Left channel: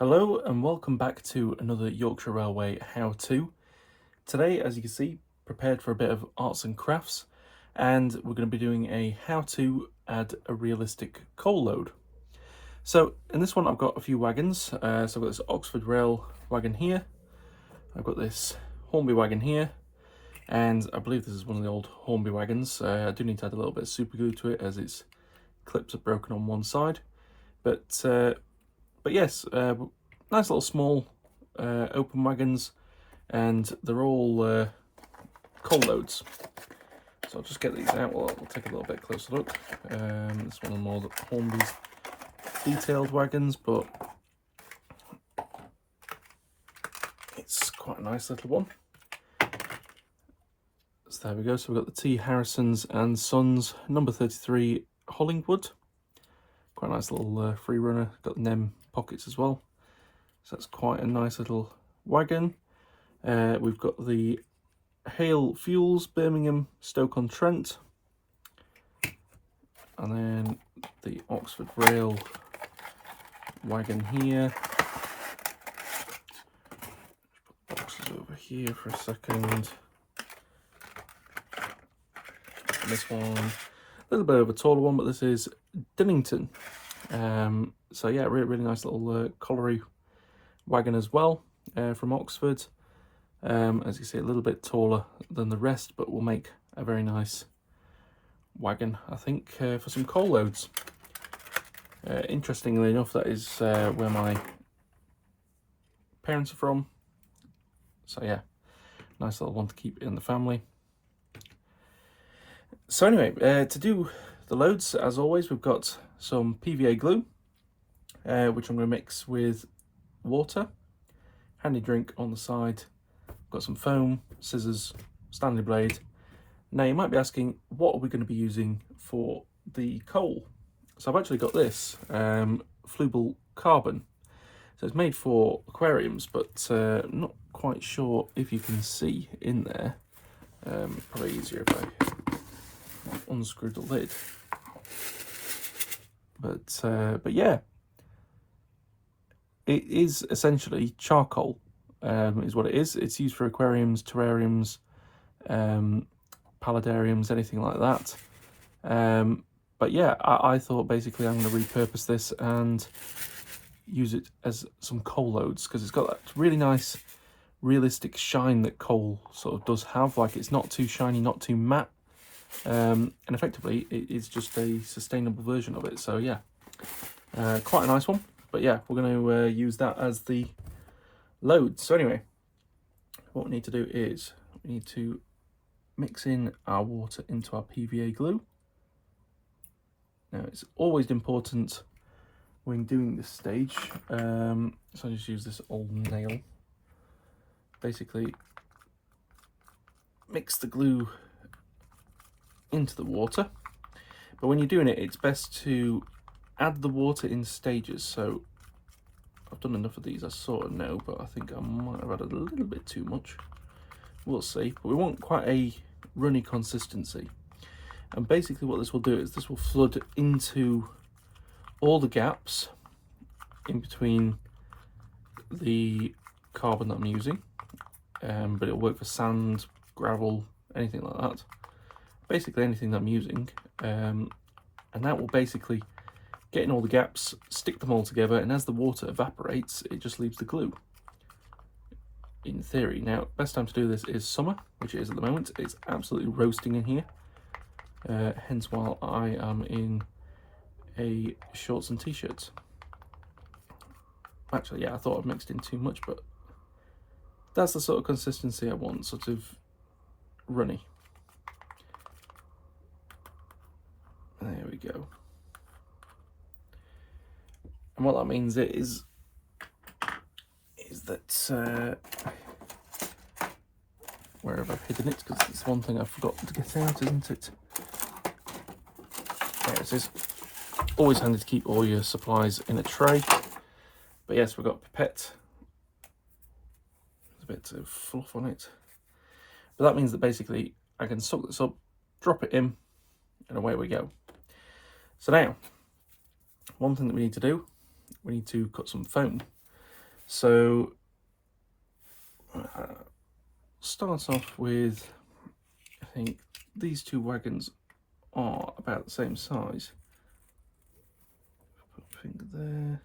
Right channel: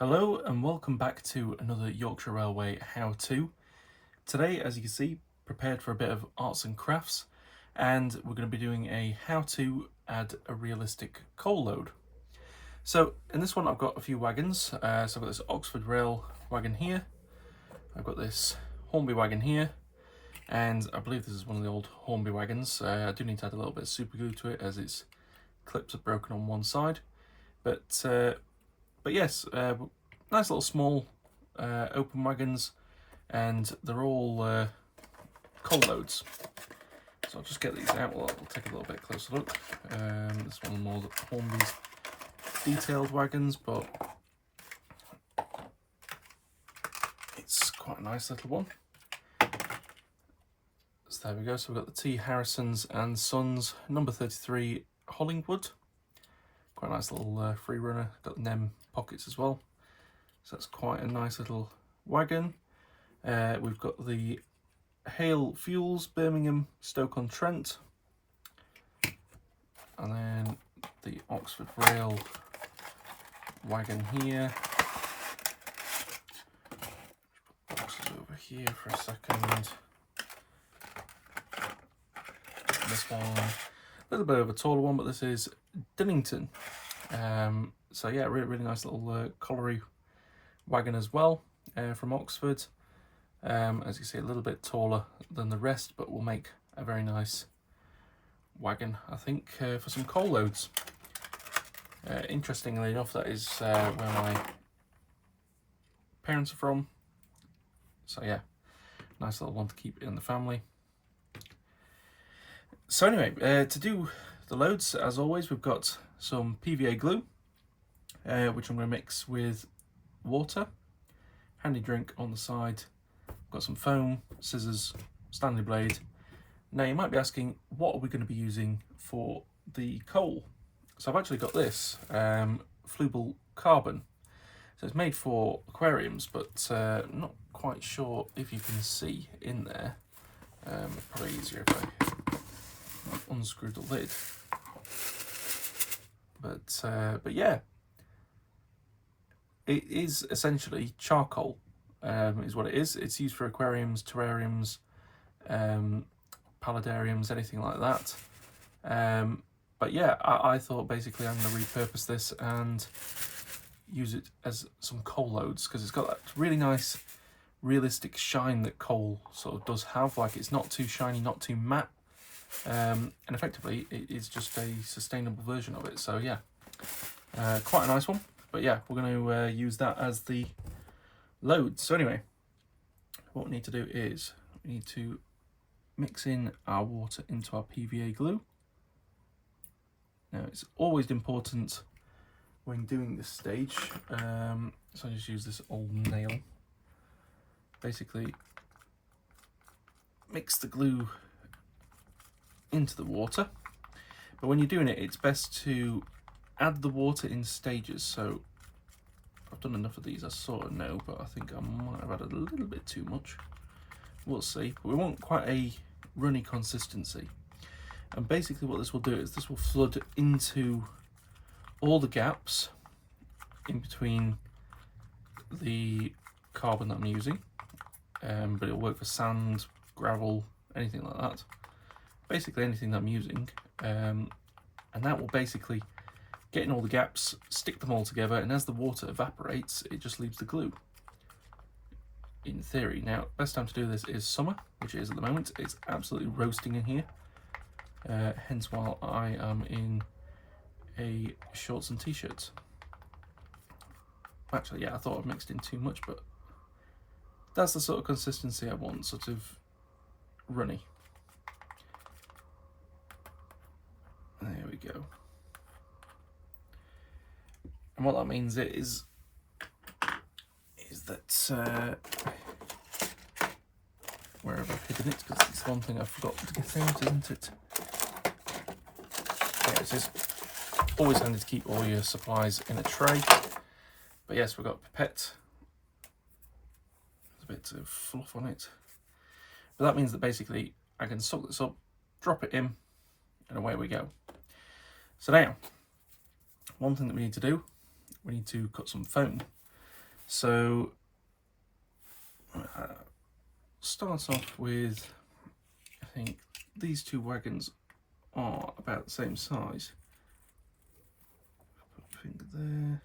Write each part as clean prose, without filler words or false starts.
Hello and welcome back to another Yorkshire Railway how-to. Today, as you can see, prepared for a bit of arts and crafts, and we're going to be doing a how to add a realistic coal load. So in this one I've got a few wagons. So I've got this Oxford Rail wagon here, I've got this Hornby wagon here, and I believe this is one of the old Hornby wagons. I do need to add a little bit of super glue to it as its clips are broken on one side. But yes, nice little small open wagons, and they're all coal loads. So I'll just get these out. We'll take a little bit closer look. This one more Hornby's detailed wagons, but it's quite a nice little one. So there we go. So we've got the T. Harrison's and Sons number 33 Hollingwood. Quite a nice little free runner. Got the NEM pockets as well. So that's quite a nice little wagon. We've got the Hale Fuels Birmingham Stoke-on-Trent, and then the Oxford Rail wagon here. Put the boxes over here for a second. And this one, a little bit of a taller one, but this is Dinnington. So yeah, really nice little colliery wagon as well, from Oxford. As you see, a little bit taller than the rest, but will make a very nice wagon, I think, for some coal loads. Interestingly enough, that is where my parents are from. So yeah, nice little one to keep in the family. So anyway, to do the loads, as always, we've got some PVA glue, which I'm going to mix with water, handy drink on the side. Got some foam, scissors, Stanley blade. Now you might be asking, what are we going to be using for the coal? So I've actually got this Flubel carbon. So it's made for aquariums, but I'm not quite sure if you can see in there. It's probably easier if I unscrew the lid. But yeah, it is essentially charcoal. Is what it is. It's used for aquariums, terrariums, paludariums, anything like that. But yeah, I thought basically I'm going to repurpose this and use it as some coal loads, because it's got that really nice realistic shine that coal sort of does have. Like, it's not too shiny, not too matte, and effectively it is just a sustainable version of it. So yeah, quite a nice one. But yeah, we're going to use that as the load. So anyway, what we need to do is we need to mix in our water into our PVA glue. Now, it's always important when doing this stage, so I just use this old nail. Basically mix the glue into the water, but when you're doing it, it's best to add the water in stages. So I've done enough of these, I sort of know, but I think I might have added a little bit too much. We'll see. But we want quite a runny consistency. And basically what this will do is this will flood into all the gaps in between the carbon that I'm using. But it'll work for sand, gravel, anything like that. Basically anything that I'm using. And that will basically get in all the gaps, stick them all together, and as the water evaporates, it just leaves the glue, in theory. Now, best time to do this is summer, which it is at the moment. It's absolutely roasting in here, hence why I am in a shorts and t-shirts. Actually, yeah, I thought I'd mixed in too much, but that's the sort of consistency I want, sort of runny. There we go. And what that means is that where have I hidden it? Because it's one thing I forgot to get out, isn't it? There it is. Always handy to keep all your supplies in a tray. But yes, we've got pipette. There's a bit of fluff on it. But that means that basically I can suck this up, drop it in, and away we go. So now, one thing that we need to do, we need to cut some foam. So start off with, I think these two wagons are about the same size. Put a finger there.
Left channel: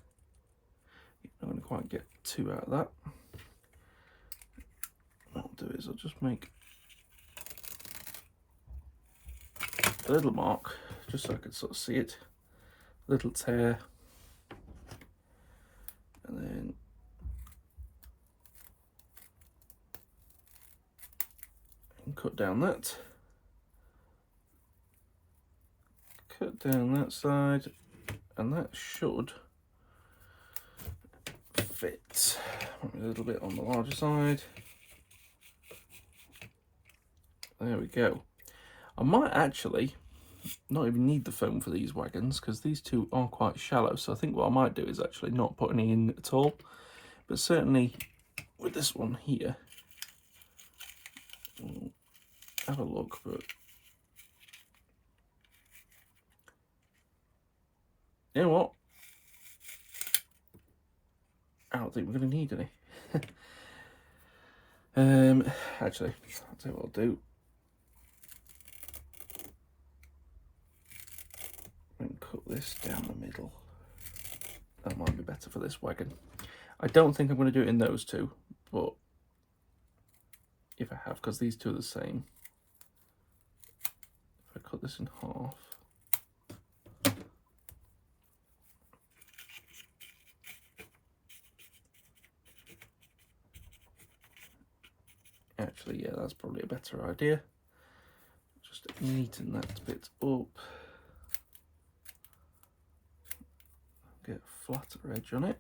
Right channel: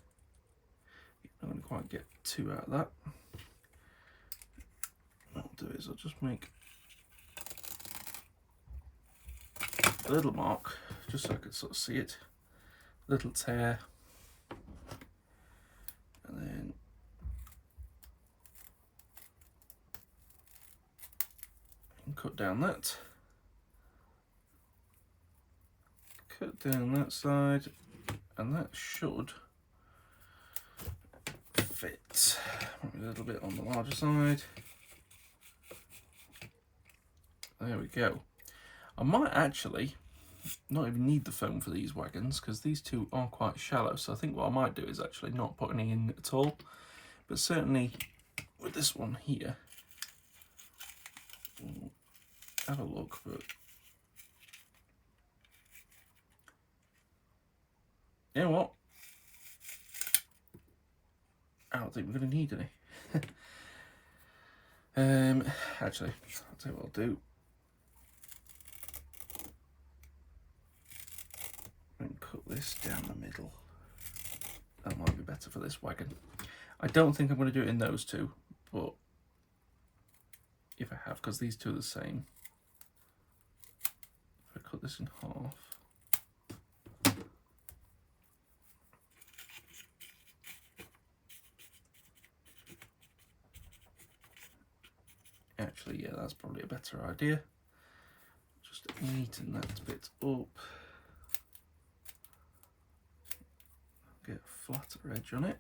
I'm going to quite get two out of that. What I'll do is I'll just make a little mark, just so I can sort of see it. Little tear. And then cut down that. Cut down that side, and that should fit. A little bit on the larger side. There we go. I might actually not even need the foam for these wagons because these two are quite shallow, so I think what I might do is actually not put any in at all, but certainly with this one here, we'll have a look. But you know what, I don't think we're going to need any. Actually, I'll tell you what I'll do. And cut this down the middle. That might be better for this wagon. I don't think I'm going to do it in those two, but if I have, because these two are the same. If I cut this in half. Actually, yeah, that's probably a better idea. Just neaten that bit up. Get a flatter edge on it.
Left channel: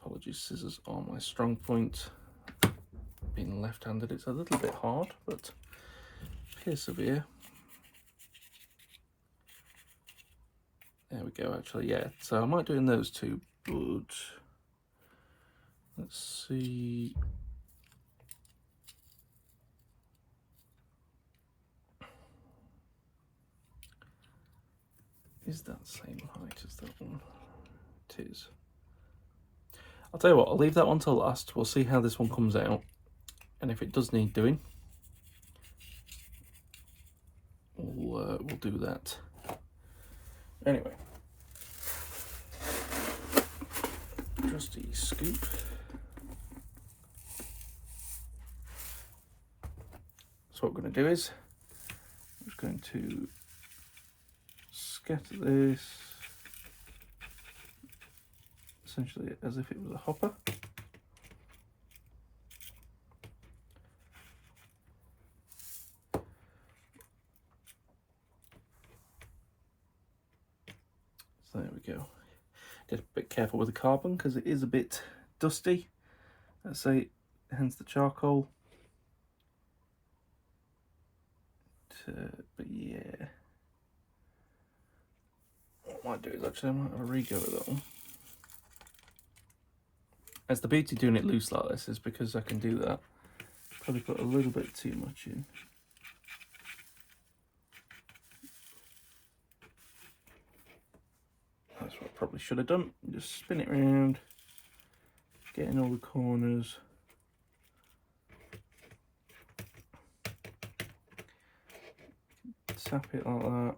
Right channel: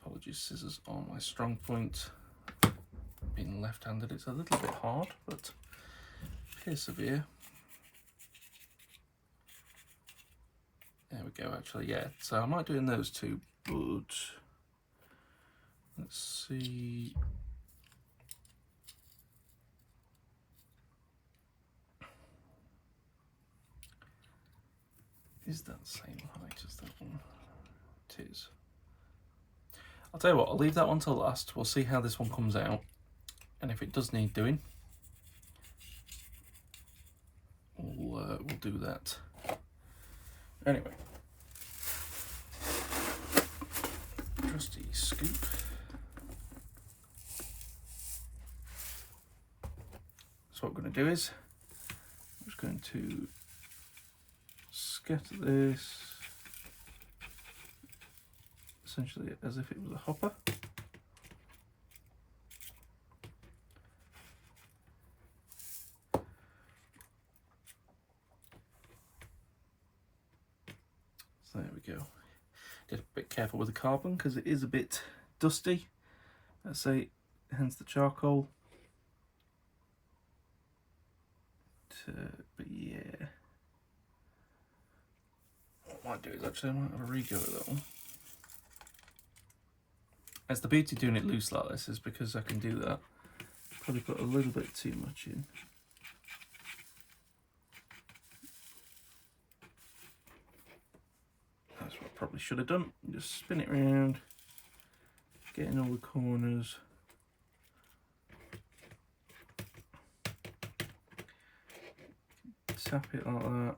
Apologies, scissors are my strong point. Being left-handed, it's a little bit hard, but persevere. There we go, actually, yeah. So I might do in those two, but let's see. Is that the same height as that one? It is. I'll tell you what, I'll leave that one till last. We'll see how this one comes out. And if it does need doing, we'll do that. Anyway. Trusty scoop. So what we're going to do is, I'm just going to scatter this essentially as if it was a hopper. So there we go. Get a bit careful with the carbon because it is a bit dusty. Let's say, hence the charcoal. But yeah. What I might do is actually I might have a re-go at that one. As the beauty doing it loose like this is because I can do that. Probably put a little bit too much in. That's what I probably should have done. Just spin it around, get in all the corners. Tap it like that.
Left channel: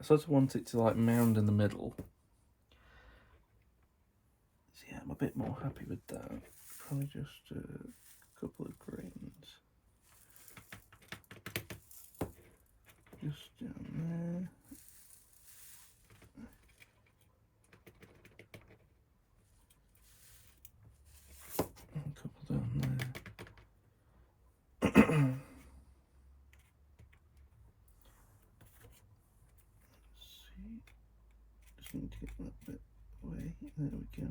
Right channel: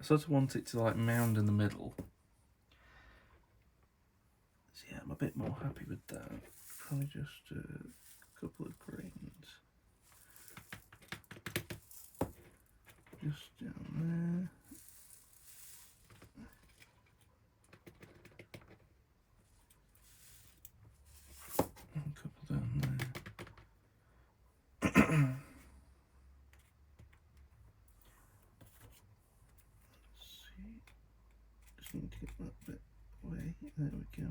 I sort of want it to like mound in the middle. So yeah, I'm a bit more happy with that. Probably just a couple of grains. Just down there. And a couple down there. Just need to get that bit away. There we go.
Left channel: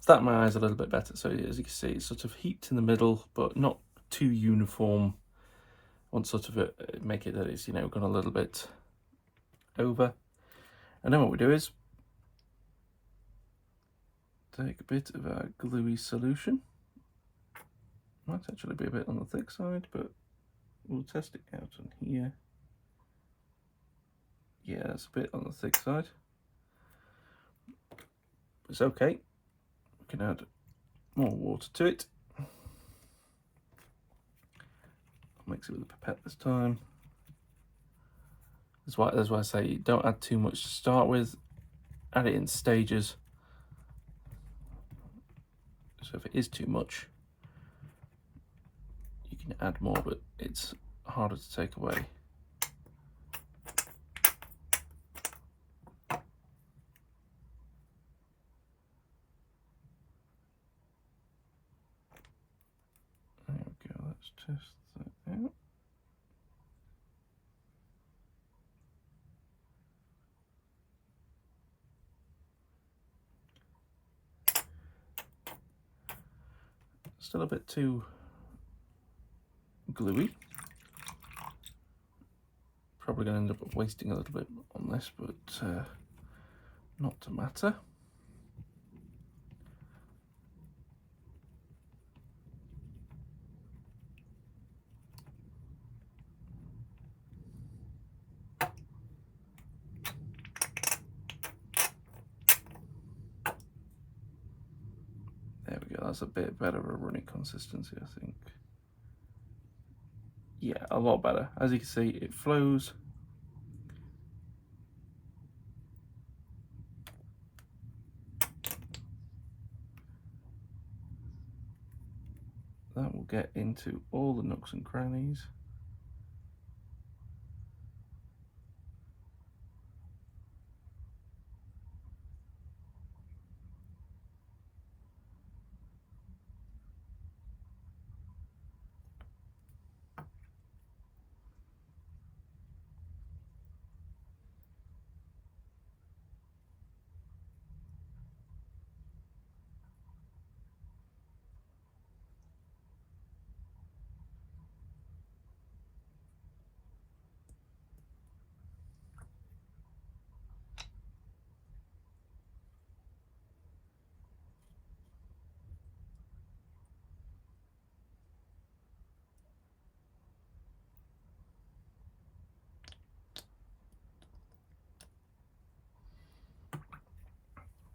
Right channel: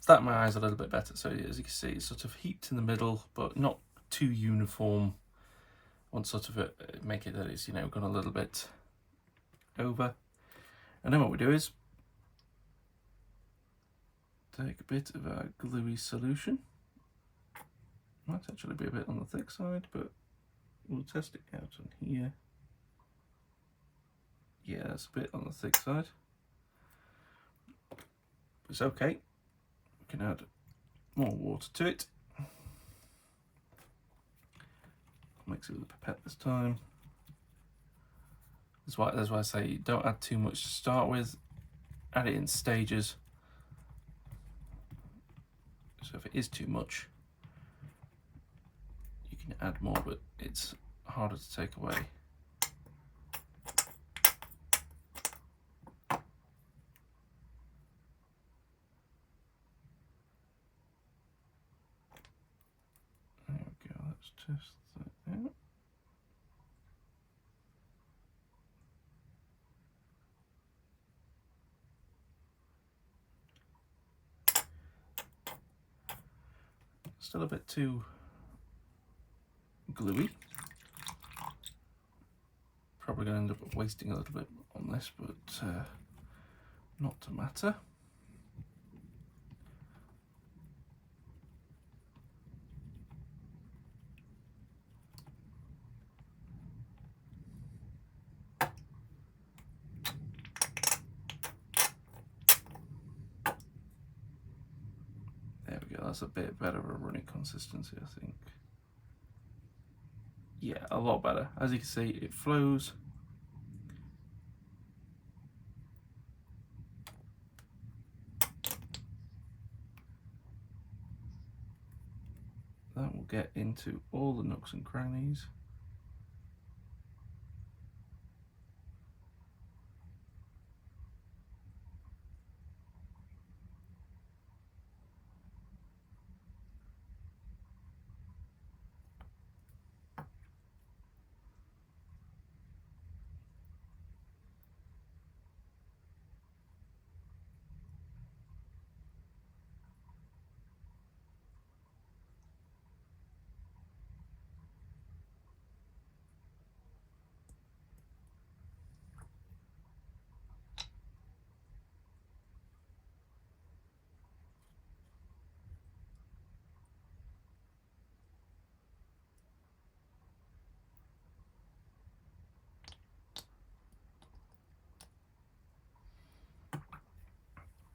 So that my eyes a little bit better. So as you can see, it's sort of heaped in the middle, but not too uniform. Want sort of make it that it's, you know, gone a little bit over. And then what we do is take a bit of our gluey solution. Might actually be a bit on the thick side, but we'll test it out on here. Yeah, it's a bit on the thick side. It's okay. We can add more water to it. Mix it with a pipette this time. That's why I say don't add too much to start with. Add it in stages. So if it is too much, you can add more, but it's harder to take away. There we go, let's test that out. Still a bit too gluey. Probably going to end up wasting a little bit on this, but not to matter. There we go, that's a bit better of a runny consistency, I think. Yeah, a lot better. As you can see, it flows. That will get into all the nooks and crannies.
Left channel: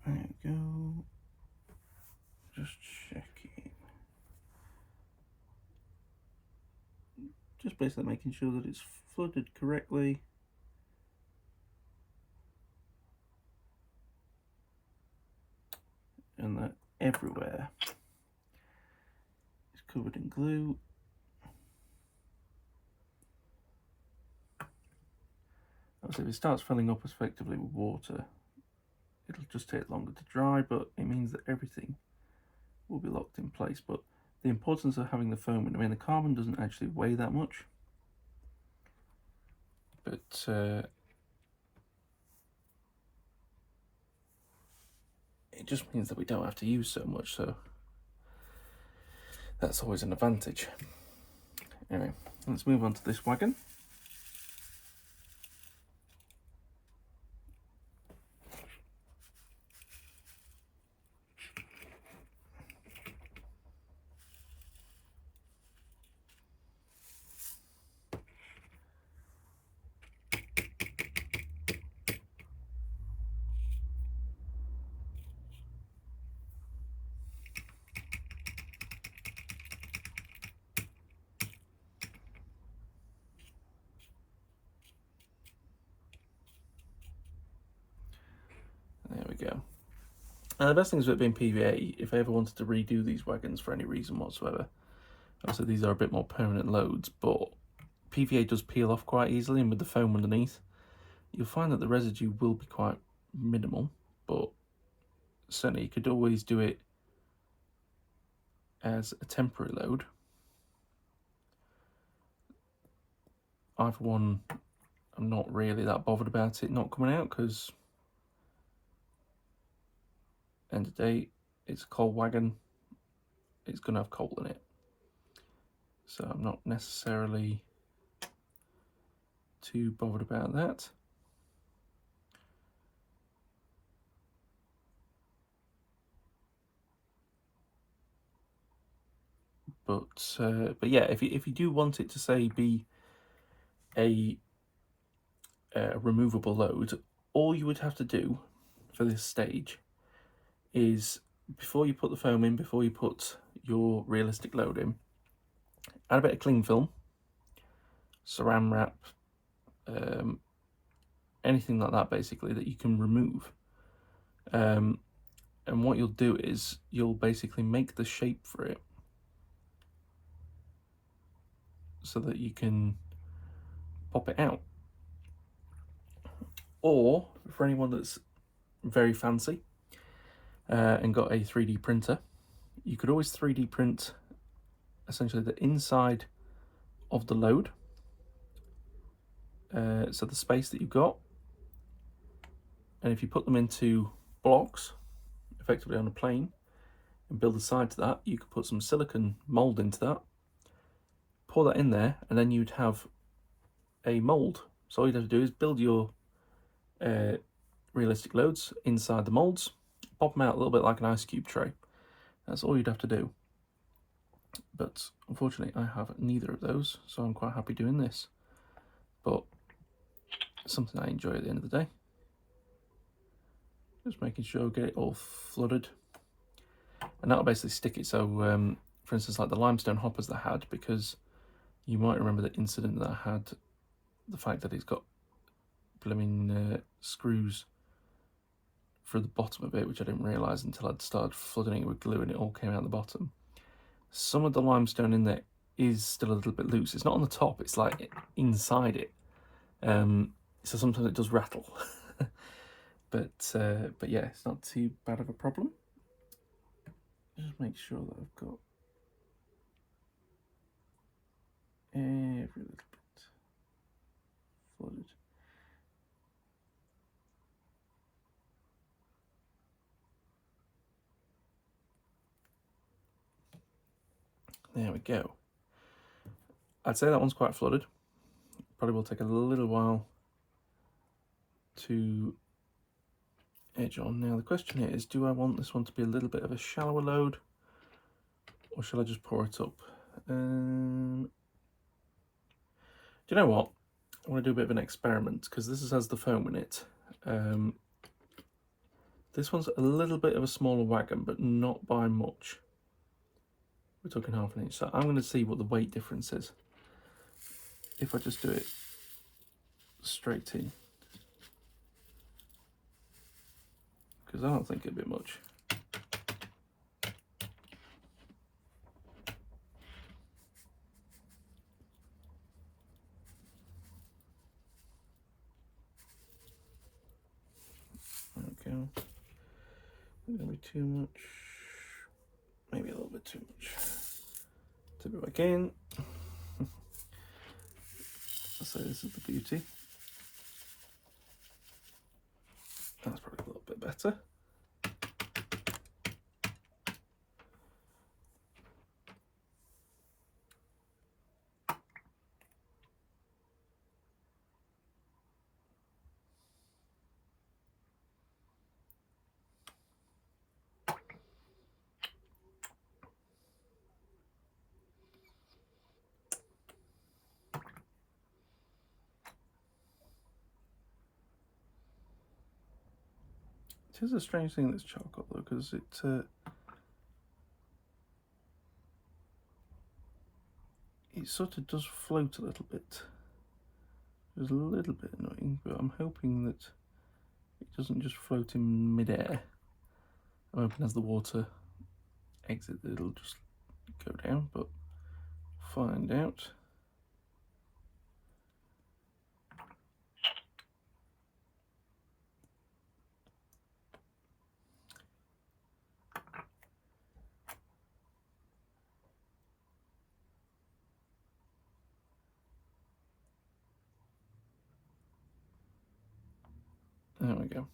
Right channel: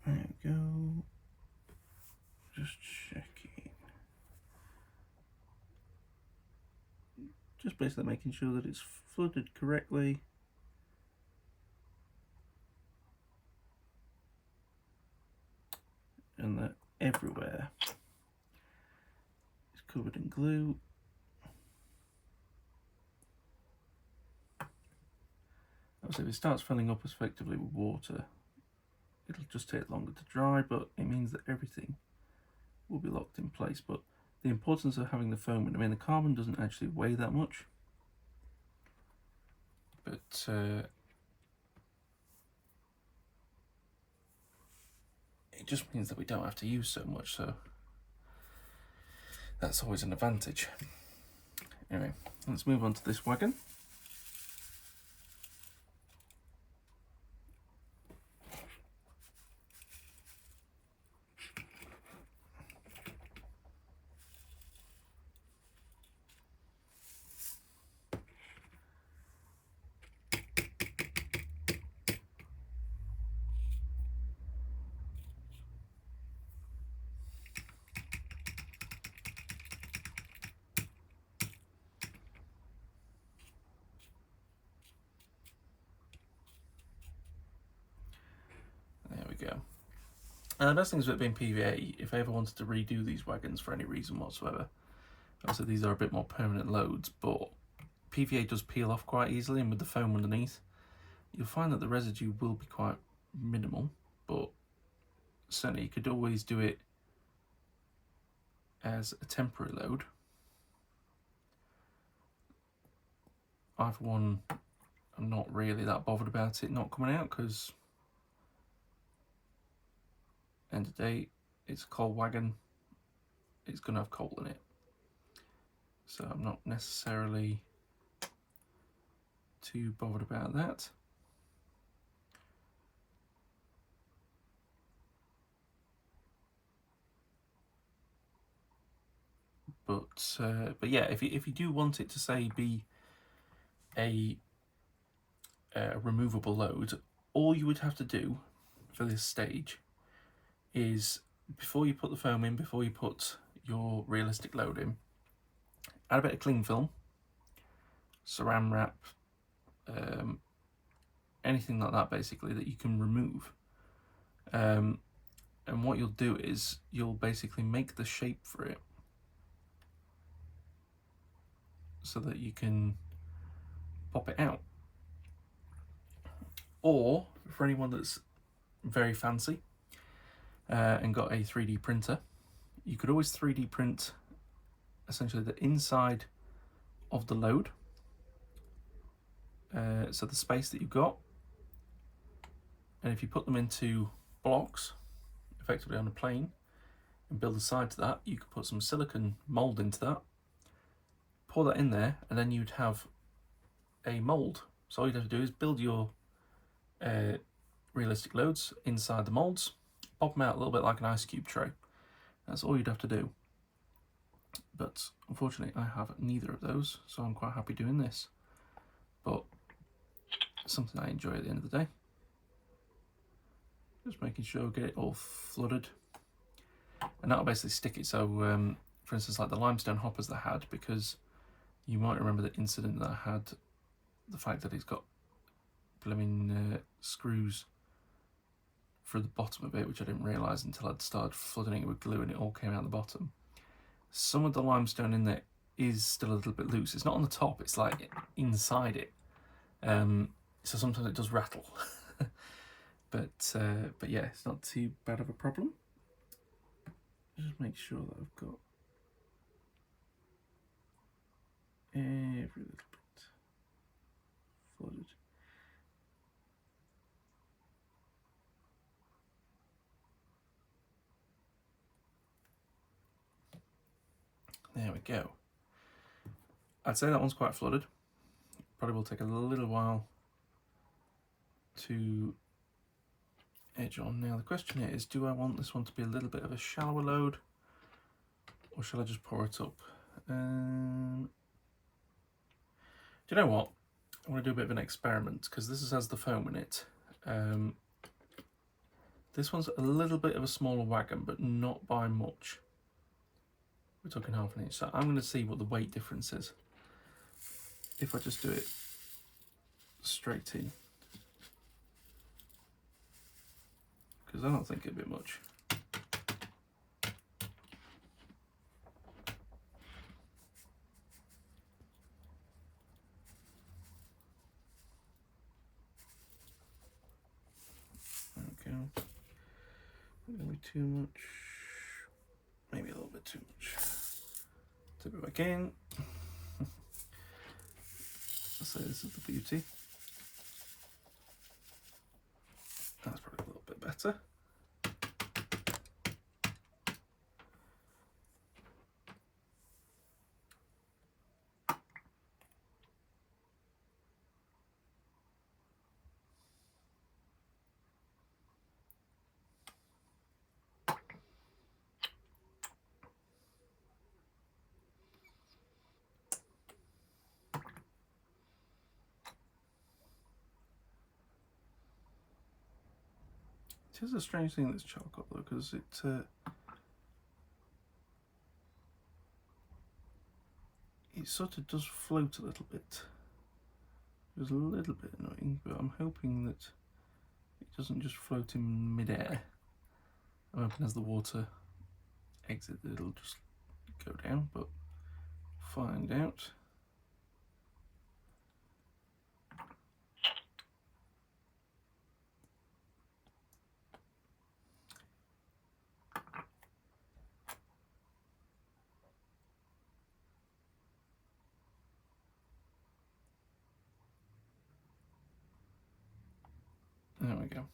There we go. Just checking. Just basically making sure that it's flooded correctly. And that everywhere is covered in glue. Obviously, if it starts filling up effectively with water, it'll just take longer to dry, but it means that everything will be locked in place. But the importance of having the foam, I mean, the carbon doesn't actually weigh that much, but it just means that we don't have to use so much, so that's always an advantage. Anyway, let's move on to this wagon. There we go. And the best thing is with being PVA, if I ever wanted to redo these wagons for any reason whatsoever, obviously these are a bit more permanent loads, but PVA does peel off quite easily, and with the foam underneath, you'll find that the residue will be quite minimal, but certainly you could always do it as a temporary load. I, for one, am not really that bothered about it not coming out, because end of the day, it's a coal wagon, it's going to have coal in it. So I'm not necessarily too bothered about that. But yeah, if you do want it to say be a removable load, all you would have to do for this stage is, before you put the foam in, before you put your realistic load in, add a bit of cling film, saran wrap, anything like that basically that you can remove. And what you'll do is you'll basically make the shape for it so that you can pop it out. Or for anyone that's very fancy and got a 3D printer, you could always 3D print essentially the inside of the load, so the space that you've got, and if you put them into blocks effectively on a plane and build a side to that, you could put some silicone mold into that, pour that in there, and then you'd have a mold. So all you'd have to do is build your realistic loads inside the molds, pop them out a little bit like an ice cube tray. That's all you'd have to do. But unfortunately I have neither of those, so I'm quite happy doing this. But it's something I enjoy at the end of the day. Just making sure I get it all flooded. And that'll basically stick it. So for instance, like the limestone hoppers that I had, because you might remember the incident that I had, the fact that it's got blooming screws through the bottom of it, which I didn't realise until I'd started flooding it with glue and it all came out the bottom. Some of the limestone in there is still a little bit loose. It's not on the top, it's like inside it. So sometimes it does rattle. But yeah, it's not too bad of a problem. Just make sure that I've got every little bit flooded. There we go. I'd say that one's quite flooded. Probably will take a little while to edge on. Now the question is, do I want this one to be a little bit of a shallower load, or shall I just pour it up? Do you know what? I want to do a bit of an experiment, because this has the foam in it. This one's a little bit of a smaller wagon, but not by much. We're talking half an inch, so I'm going to see what the weight difference is if I just do it straight in, because I don't think it'd be much. Okay, not going to be too much, maybe a little bit too much. Tip it back in. So this is the beauty. That's probably a little bit better. It is a strange thing, that's charcoal though, because it sort of does float a little bit. It's a little bit annoying, but I'm hoping that it doesn't just float in midair. I'm hoping as the water exits it'll just go down, but find out. There we go.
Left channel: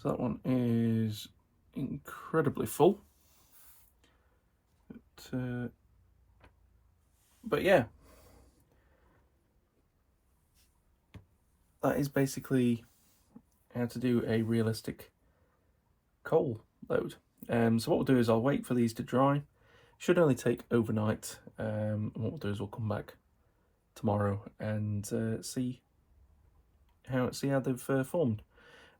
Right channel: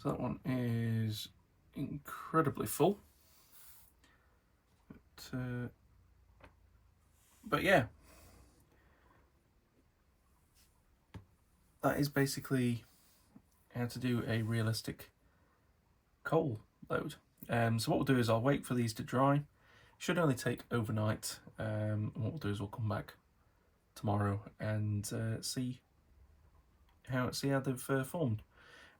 So that one is incredibly full. But yeah, that is basically how to do a realistic coal load. So what we'll do is I'll wait for these to dry, Should only take overnight. And what we'll do is we'll come back tomorrow and see how they've formed.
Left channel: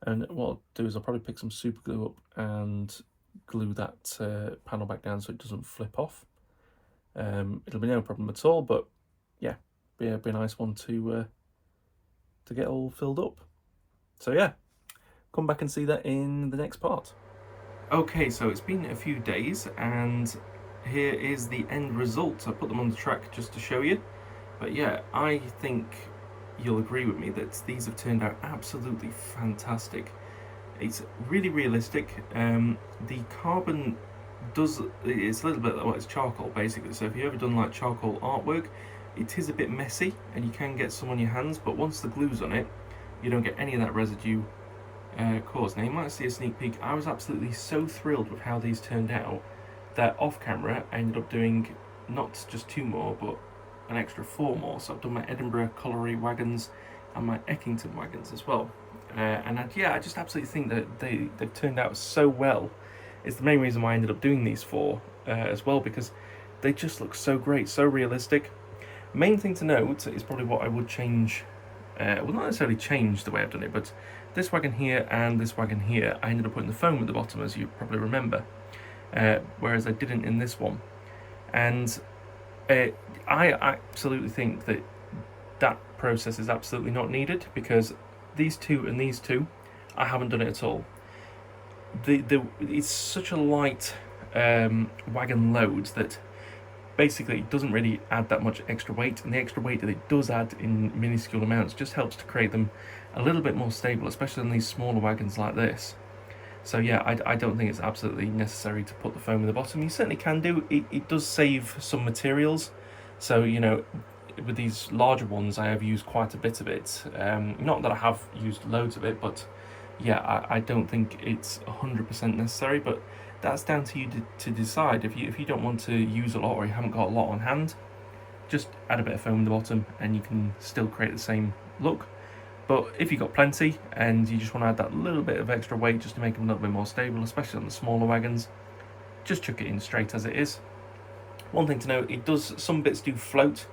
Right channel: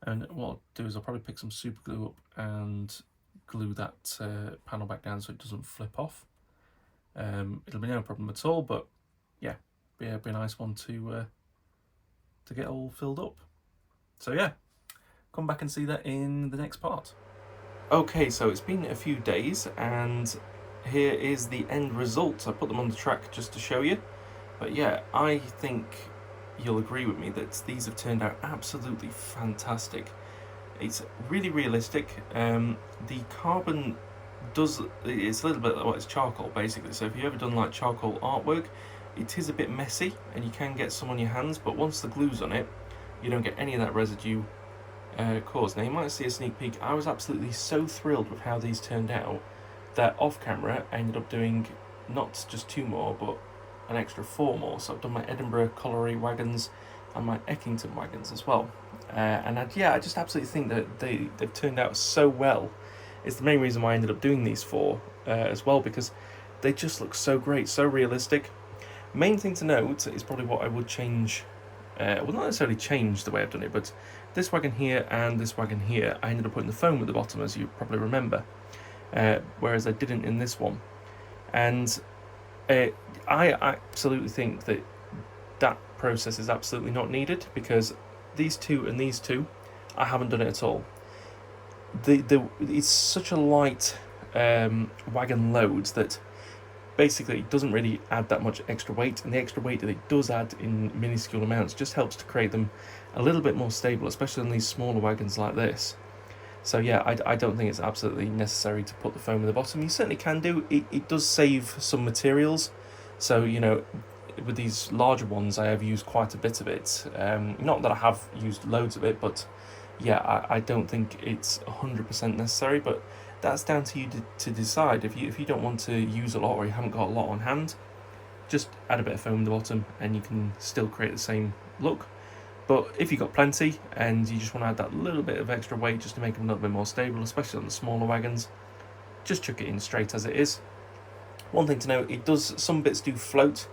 And what I'll do is I'll probably pick some super glue up and glue that panel back down so it doesn't flip off. It'll be no problem at all, but yeah, be a nice one to get all filled up. So yeah, come back and see that in the next part. Okay, so it's been a few days and here is the end result. I put them on the track just to show you, but yeah, I think you'll agree with me that these have turned out absolutely fantastic. It's really realistic. The carbon it's a little bit, well, it's charcoal basically, so if you've ever done like charcoal artwork, it is a bit messy and you can get some on your hands, but once the glue's on it, you don't get any of that residue caused. Now you might see a sneak peek. I was absolutely so thrilled with how these turned out that off camera I ended up doing not just 2 more, but an extra 4 more. So I've done my Edinburgh Colliery wagons and my Eckington wagons as well. And I just absolutely think that they've turned out so well. It's the main reason why I ended up doing these 4 as well, because they just look so great, so realistic. Main thing to note is probably what I would change, well, not necessarily change the way I've done it, but this wagon here and this wagon here, I ended up putting the foam at the bottom, as you probably remember, whereas I didn't in this one. And I absolutely think that process is absolutely not needed, because these 2 and these 2, I haven't done it at all. It's such a light wagon load that basically it doesn't really add that much extra weight, and the extra weight that it does add in minuscule amounts just helps to create them a little bit more stable, especially on these smaller wagons like this. So yeah, I don't think it's absolutely necessary to put the foam in the bottom. You certainly can do. It does save some materials, so you know, with these larger ones I have used quite a bit of it. Not that I have used loads of it, but yeah, I don't think it's 100% necessary, but that's down to you to decide. If you don't want to use a lot, or you haven't got a lot on hand, just add a bit of foam in the bottom and you can still create the same look. But if you've got plenty and you just want to add that little bit of extra weight just to make them a little bit more stable, especially on the smaller wagons, just chuck it in straight as it is. One thing to note, some bits do float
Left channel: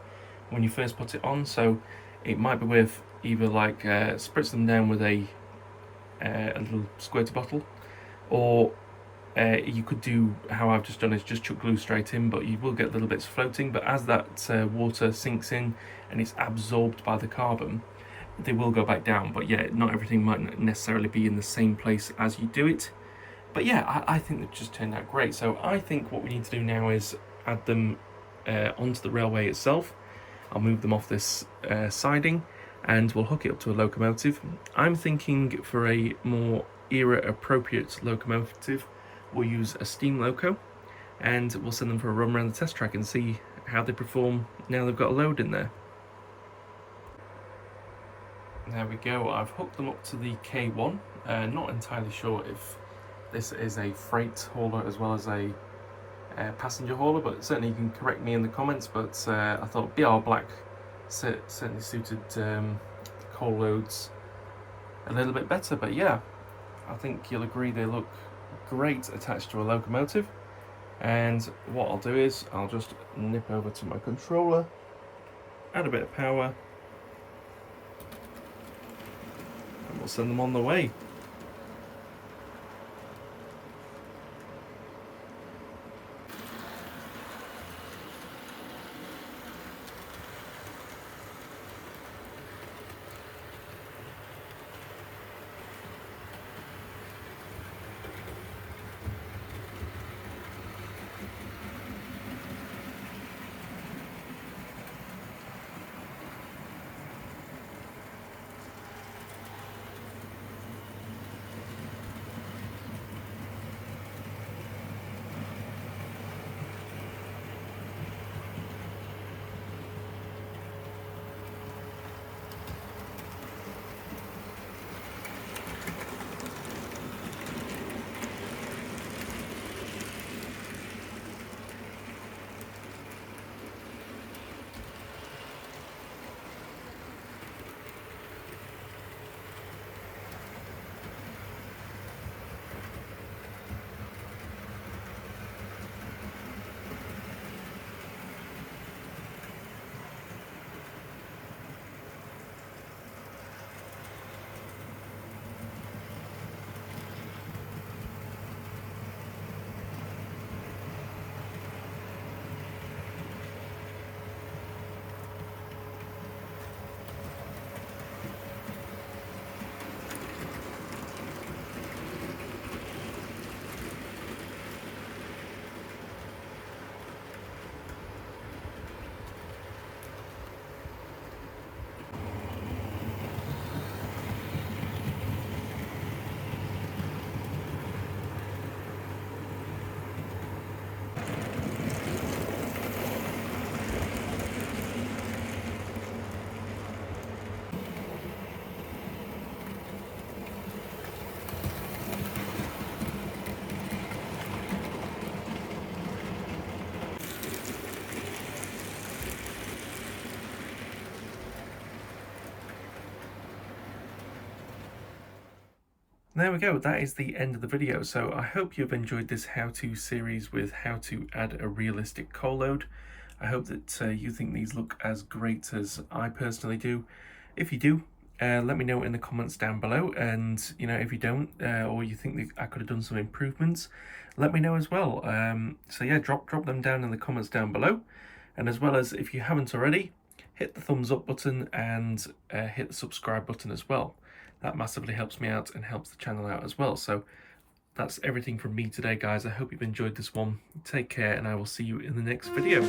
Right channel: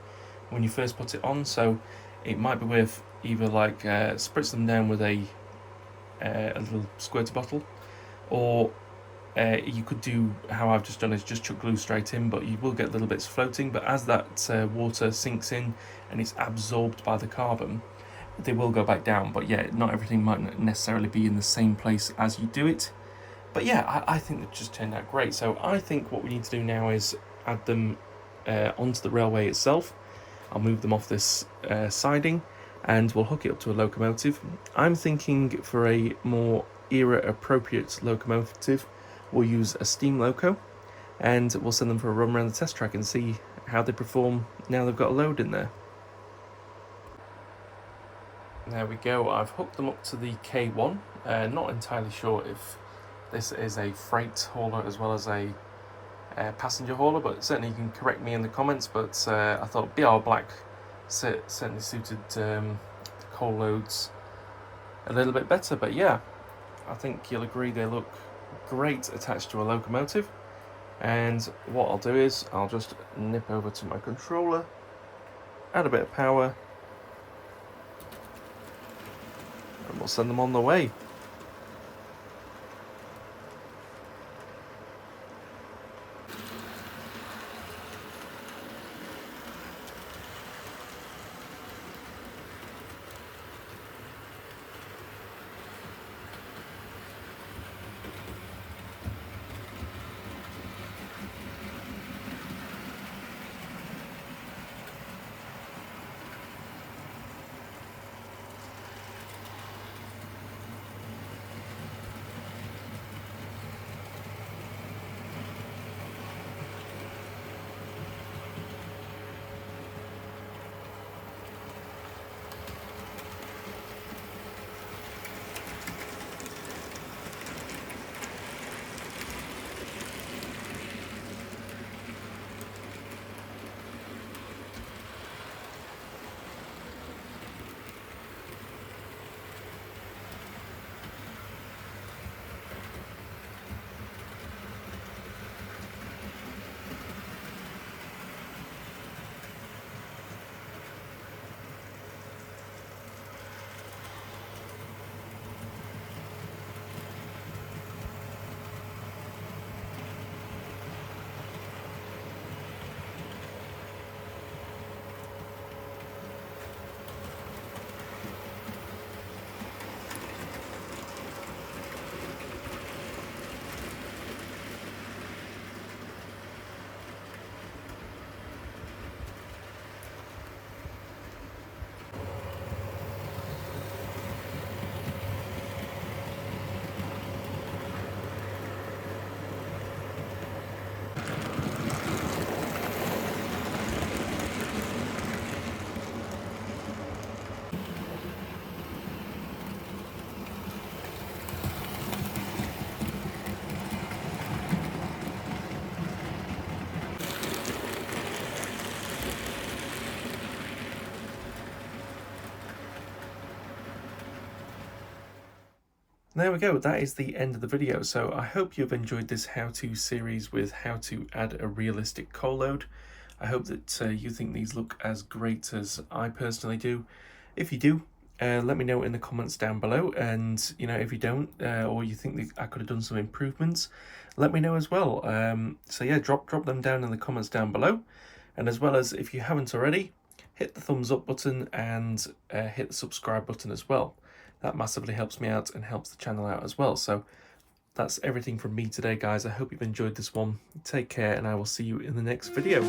when you first put it on, so it might be worth either like spritz them down with a little squirter bottle, or you could do how I've just done, is just chuck glue straight in, but you will get little bits floating. But as that water sinks in and it's absorbed by the carbon, they will go back down. But yeah, not everything might necessarily be in the same place as you do it. But yeah, I think they've just turned out great. So I think what we need to do now is add them onto the railway itself. I'll move them off this siding and we'll hook it up to a locomotive. I'm thinking for a more era appropriate locomotive, we'll use a steam loco, and we'll send them for a run around the test track and see how they perform now they've got a load in there. There we go, I've hooked them up to the K1. Not entirely sure if this is a freight hauler as well as a passenger hauler, but certainly you can correct me in the comments. But I thought BR Black certainly suited coal loads a little bit better. But yeah, I think you'll agree they look great attached to a locomotive. And what I'll do is I'll just nip over to my controller, add a bit of power, and we'll send them on the way. there we go, that is the end of the video. So I hope you've enjoyed this how-to series with how to add a realistic coal load. I hope that you think these look as great as I personally do. If you do, let me know in the comments down below, and you know, if you don't, or you think that I could have done some improvements, let me know as well. So yeah, drop them down in the comments down below, and as well as, if you haven't already, hit the thumbs up button and hit the subscribe button as well. That massively helps me out and helps the channel out as well. So that's everything from me today, guys. I hope you've enjoyed this one. Take care, and I will see you in the next video.